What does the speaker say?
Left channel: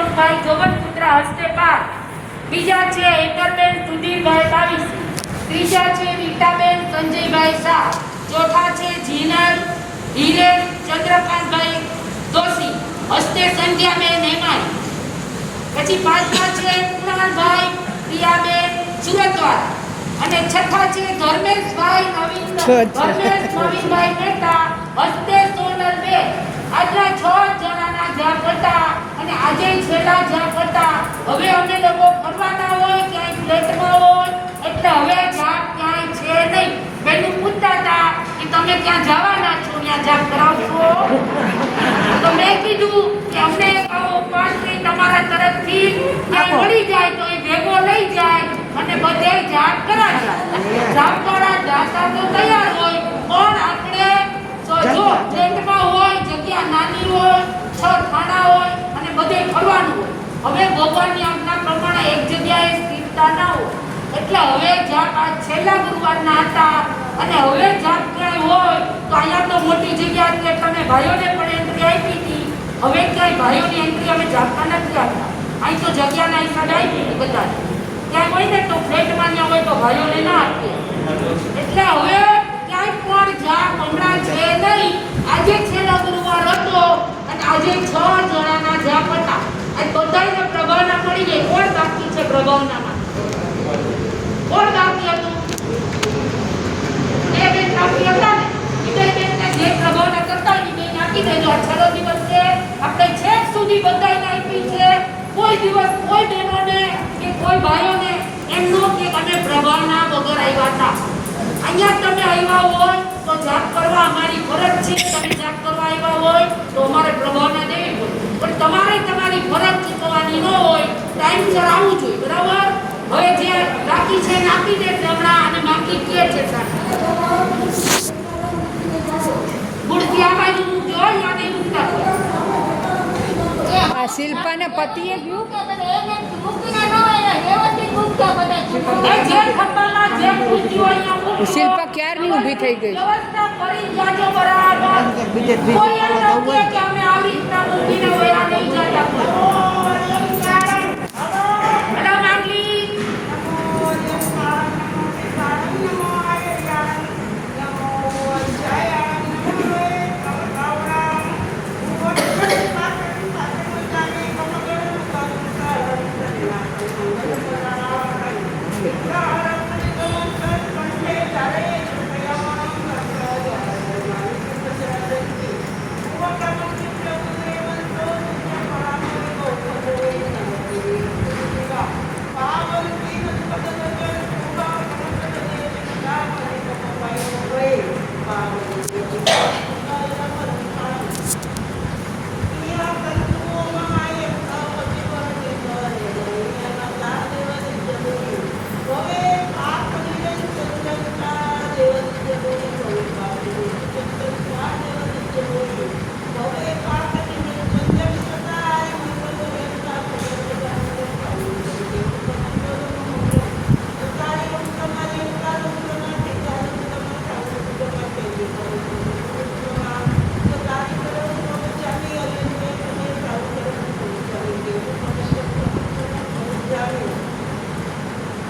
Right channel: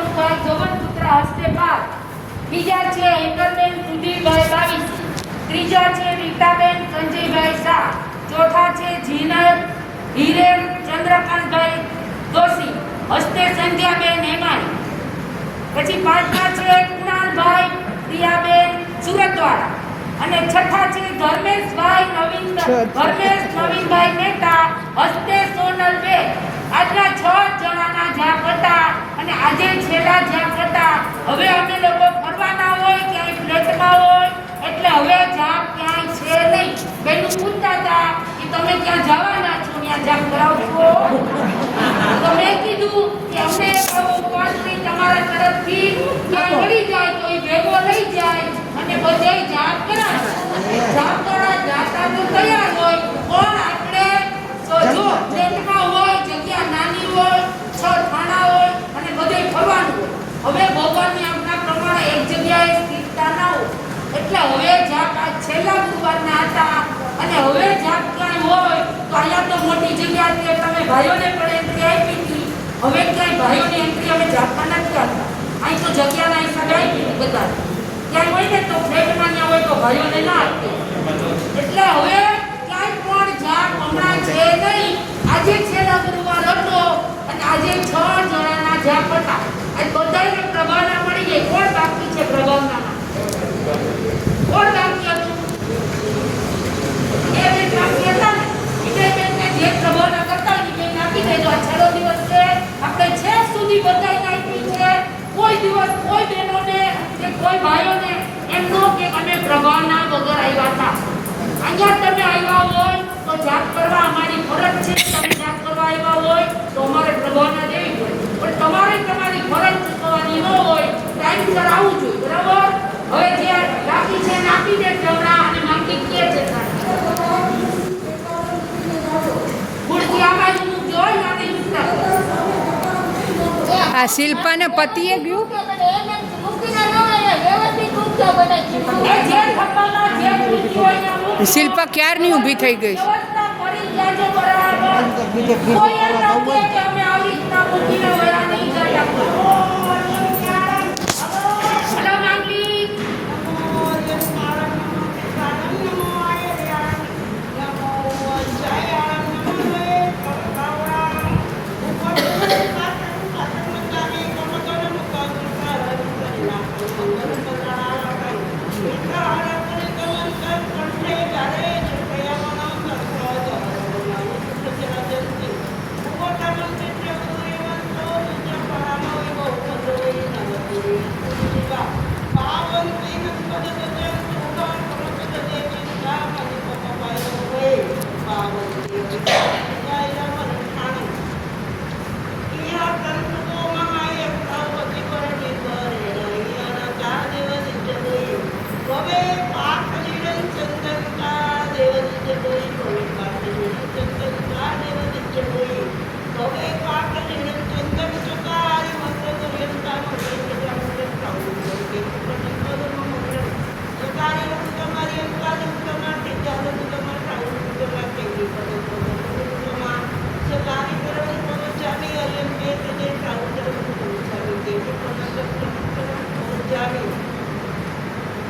દીપકભાઈ જોબનપુત્ર હસ્તે પાર. બીજા છે હેતરબેન સુધીરભાઈ બાવીસ. ત્રીજા છે રીટાબેન સંજયભાઈ શાહ. ચોથા છે જીનર હિરેન ચંદ્રકાંતભાઈ દોશી. હસ્તે સંધ્યાબેન હેમાણી પછી પાંચમા છે કુણાલભાઈ પ્રિયાબેન સુરત દ્વારા અને છઠ્ઠા છે ધર્મેશભાઈ નવીન ધર્મેશ નવીનભાઈ મહેતા હસ્તે સોનલ બેન આજના છ જણાના હવે અમે લોકો ફરવાના હોય ક્યાંય ફ્લેટમાં હોય એટલે હવે જાપ ક્યાંય છે નહીં. બેનું પૂછતા હતા કે તમે ક્યાં જવાના છો? ત્યાં જાપ કરાવશો? તો મેં કીધું કે અમને એક આવો તમારા તરફથી. ક્યાંય મળી જાય તો એ ભેગો લઈ જાય અને બધે જાપ કરાવે જાપ કરા જાતા તો તૈયાર હોય પણ આપણે સો- જો ફ્લેટમાં હોય જગ્યા નાની હોય છ થાણા હોય અને બધે ફરવાનું હોય હવે ભગવાનની આજ્ઞા પ્રમાણે એક જગ્યાએ સ્થિરતા ના હોય. એટલે હવે જાપ આ છેલ્લા ગુરુવારના હતા અને હવે જાપ ક્યાંય હોય, તો અહીંયા તો મોટી જગ્યા હતી અમે ભાઈઓને પણ એન્ટ્રી આપી હતી. હવે ક્યાંય ભાઈઓની એન્ટ્રી અમે જાપતા નથી આપતા અહીં તો જગ્યાના હિસાબે આપી હતી બધાને. ક્યાંય હોય ને તો ફ્લેટમાં ત્યાં હોય તો ભાઈઓને ના આપીએ. એટલે હવે ક્યાંય પણ જાપ હમણાં છે નહીં, આજે છેલ્લા ગુરુવાર હતો આજે છ જણાના જ્યાં હતા. આજ બધાને પ્રભાવના પડી જાય. કોણ બાકી છે પ્રભાવનામાં? કોણ બાકી હતું? બે બેન બાકી હતા ને. એ બેનને જે પ્રભાવના કરતા એ બેન દેજો. આ છેલ્લો દિવસ છે. આપણે છેક સુધી બધાને આપી છે. કોઈ દિવસ કોઈ બહેનોને કે કોઈ ભાઈઓને એમ નો કે અમે પ્રભાવના વગર આવ્યા હતા. અહીંયા તમે આવ્યા હોય તો જાપ કરવા અમારી ફરજ છે તમે જાપ કરવા આવ્યા હોય તો અમારે પ્રભાવના દેવી પડે પણ તમારે તમારી ફરજ ચૂકવવાની ન હોય ટાઈમસર આવવું જોઈએ બરાબર? હવે જે બાકી છે એને આપી દે હમણાં અને બાકી કે છે મૂર્તિ આ બાજુ મૂકજો નહીં મૂકતા હોય આ શિલ્પાને પતિએ ગયું એ જે થપ્પામાં જે મૂર્તિ હોય અહીંયા મૂકજો. શિલ્પા ક્યારની ઊભી થઈ ગઈ કોઈ એમ ન કે અમે આવી રીતના મૂકીને વયા નહીં જતા పాపం జీవితం